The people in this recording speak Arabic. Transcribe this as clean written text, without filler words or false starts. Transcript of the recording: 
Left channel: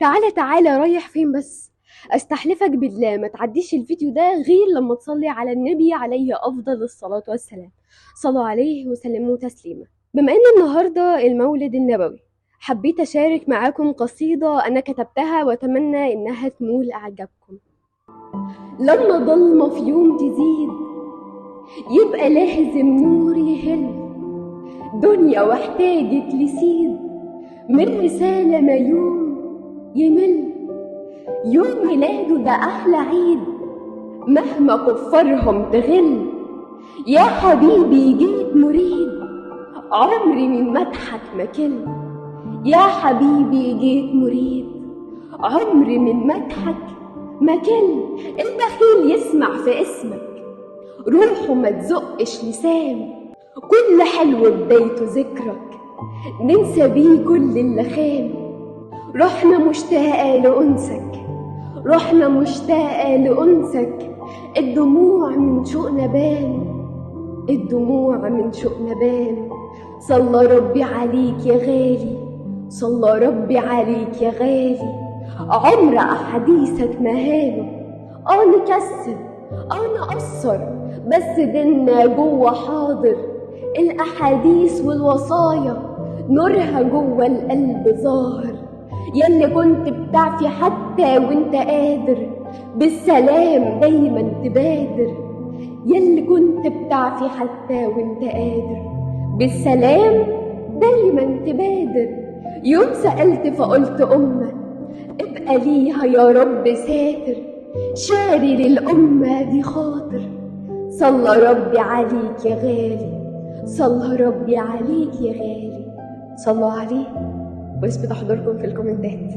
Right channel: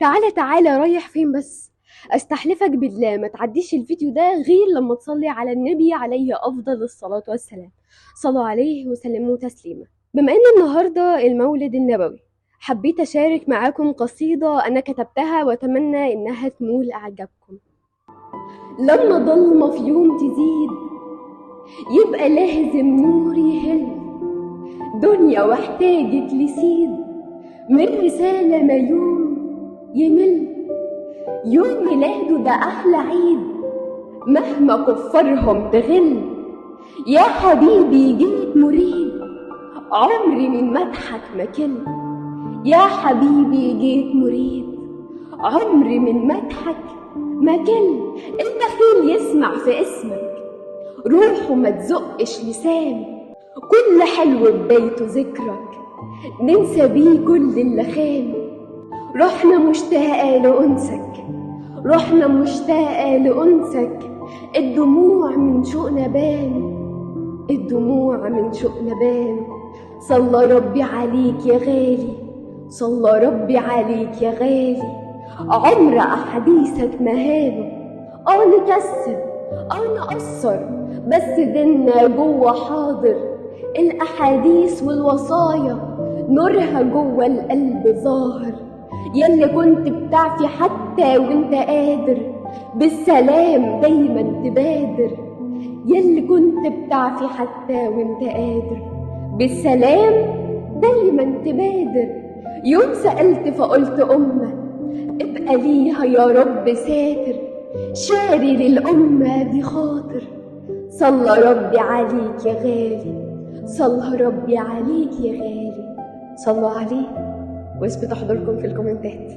تعالى تعالى، رايح فين بس؟ استحلفك بالله ما تعديش الفيديو ده غير لما تصلي على النبي عليه افضل الصلاة والسلام. صلوا عليه وسلموا تسليما. بما ان النهاردة المولد النبوي، حبيت اشارك معاكم قصيدة انا كتبتها واتمنى انها تنول اعجابكم. لما ضلمة في يوم تزيد يبقى لازم نور يهل، دنيا واحتاجت لسيد من رسالة ما يوم يمل. يوم ميلاده ده أحلى عيد مهما كفرهم تغل. يا حبيبي جيت مريد عمري من مدحك ما كل. يا حبيبي جيت مريد عمري من مدحك ما كل. البخيل يسمع في اسمك روحه ما تزقش لسان. كل حلو بدايته ذكرك ننسى بيه كل اللي خان. روحنا مشتاقة لأنسك، روحنا مشتاقة لأنسك. الدموع من شوقنا بان، الدموع من شوقنا بان. صلى ربي عليك يا غالي، صلى ربي عليك يا غالي. عمر أحاديثك مهانه، نكسل نقصر بس ديننا جوه حاضر. الأحاديث والوصايا نورها جوه القلب ظاهر. ياللي كنت بتعفي حتى وانت قادر بالسلام دايما تبادر. ياللي كنت بتعفي حتى وانت قادر بالسلام دايما تبادر. يوم سألت فقلت أمة ابقى ليها يا رب ساتر، شاري للأمة دي خاطر. صلى ربي عليك يا غالي، صلى ربي عليك يا غالي. صلوا عليه ويثبت حضوركم في الكومنتات.